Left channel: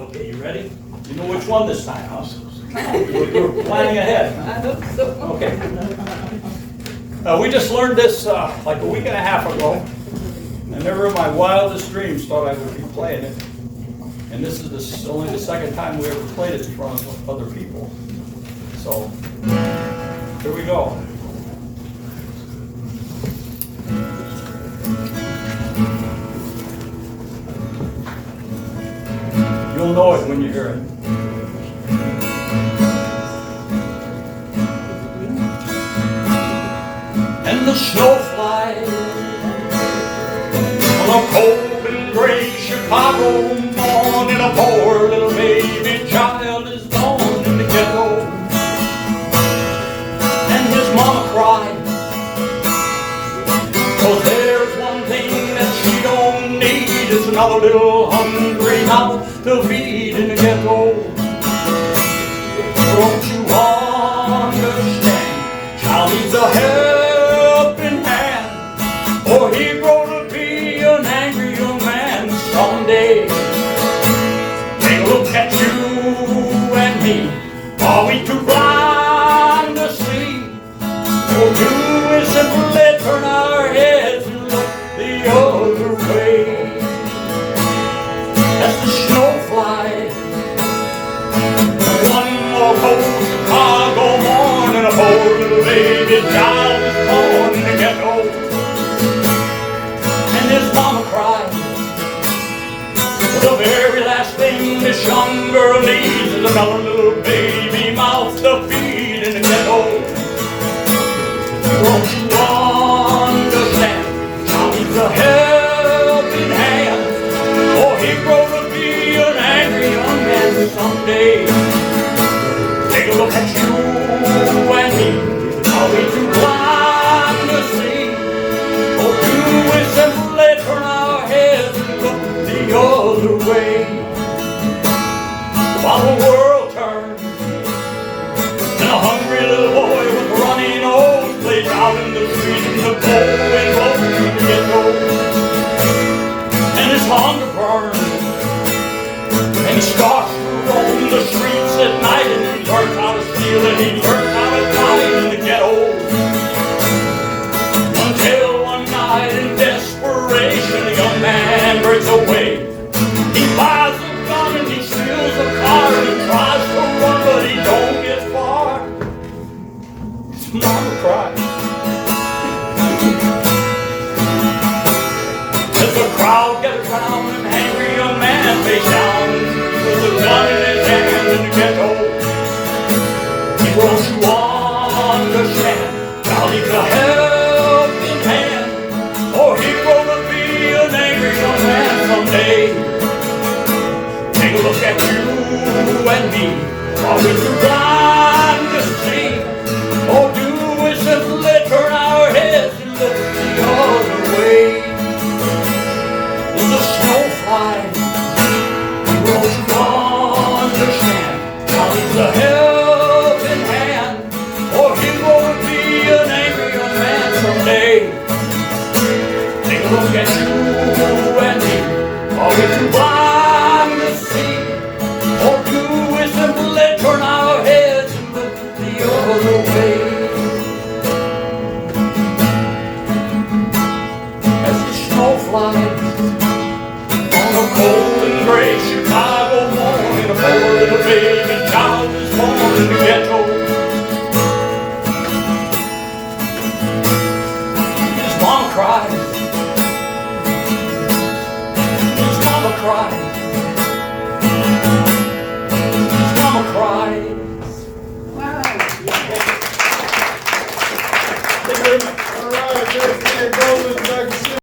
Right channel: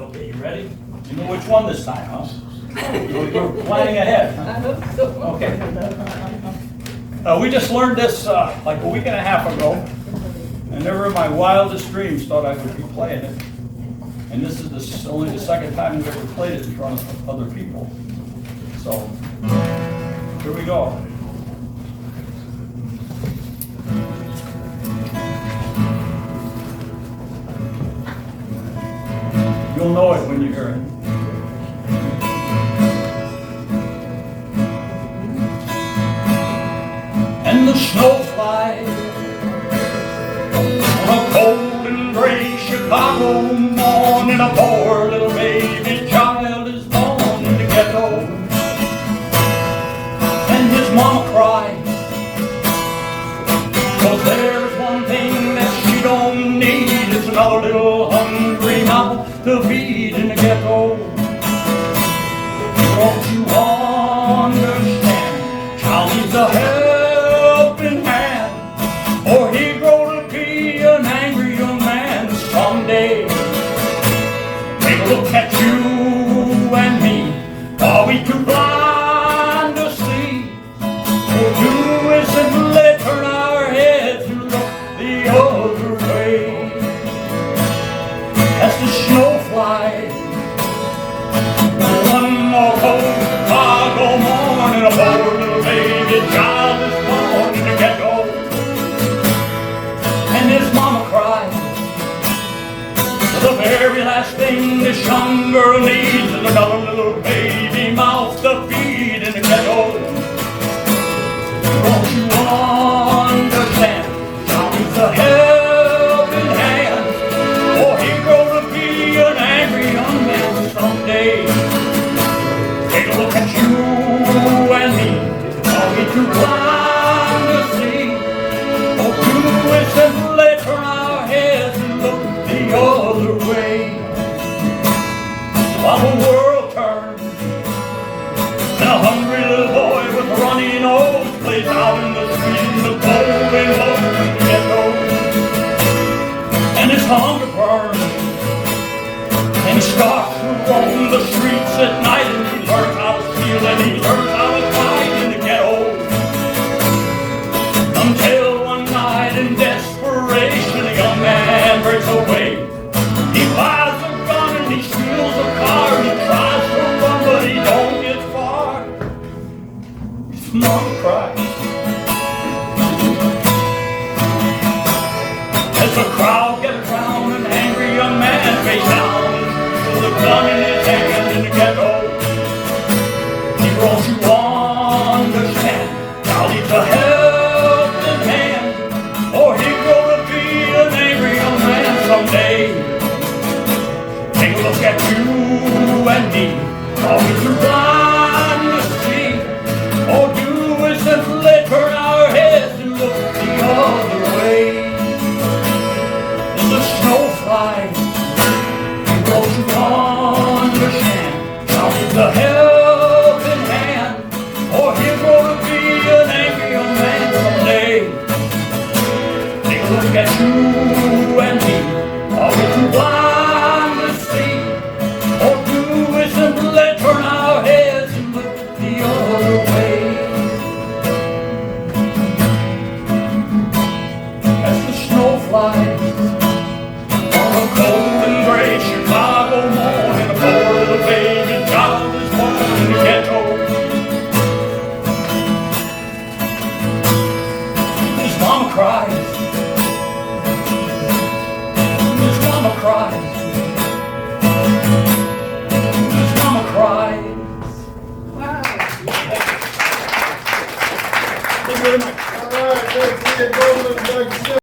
Okay, you ready? You know which one this time, huh? We're planning ahead. I hope so. Okay. We just learned this like a week and a half ago, and never in my wildest dreams thought I would be playing it. And this is only the second time we ever played it in front of other people. So, here we go. You'll know it when you hear it. And the snow flies on a cold and gray Chicago morning. A poor little baby child is born in the ghetto, and his mama cries, 'cause there's one thing that she don't need. It's another little hungry mouth to feed in the ghetto. Don't you understand? Child needs a helping hand, or he grow to be an angry young man someday. Take a look at you and me. Are we too blind to see? Or do we simply turn our heads and look the other way? As the snow flies, one more cold Chicago morning, a poor little baby child is born in the ghetto, and his mama cries. The very last thing this young girl needs is another little baby mouth to feed in the ghetto. Don't you understand? Child needs a helping hand, or he grow to be an angry young man someday. Take a look at you and me. Are we too blind to see? Or do we simply turn our heads and look the other way? While the world turns and a hungry little boy with a runny nose plays out in the street in the cold and low in the ghetto, and his hunger burns, and he starts to roam the streets at night, and he learns how to steal and he learns how to fight in the ghetto. Until one night in desperation, the young man breaks away. He buys a gun and he steals a car and he tries to run, but he don't get far. His mama cries as the crowd gathers round an angry young man face down with a gun in his hand in the ghetto. He wants you understand. Now needs a helping hand, or he grow to be an angry young man someday. Take a look at you and me. Are we too blind to see? Or do we simply turn our heads and look the other way? In the snow flies, don't you understand? Now needs a helping hand, or he'll grow to be an angry young man someday. Take a look at you and me. Are we too blind to see? Or do we simply turn our heads and look the other way? As the snow flies on a cold and gray Chicago morning, a poor little baby child is born in the ghetto. His mama cries. His mama cries. His mama cries. Wow. Thank you very much. All right, there's Lea Goldman back.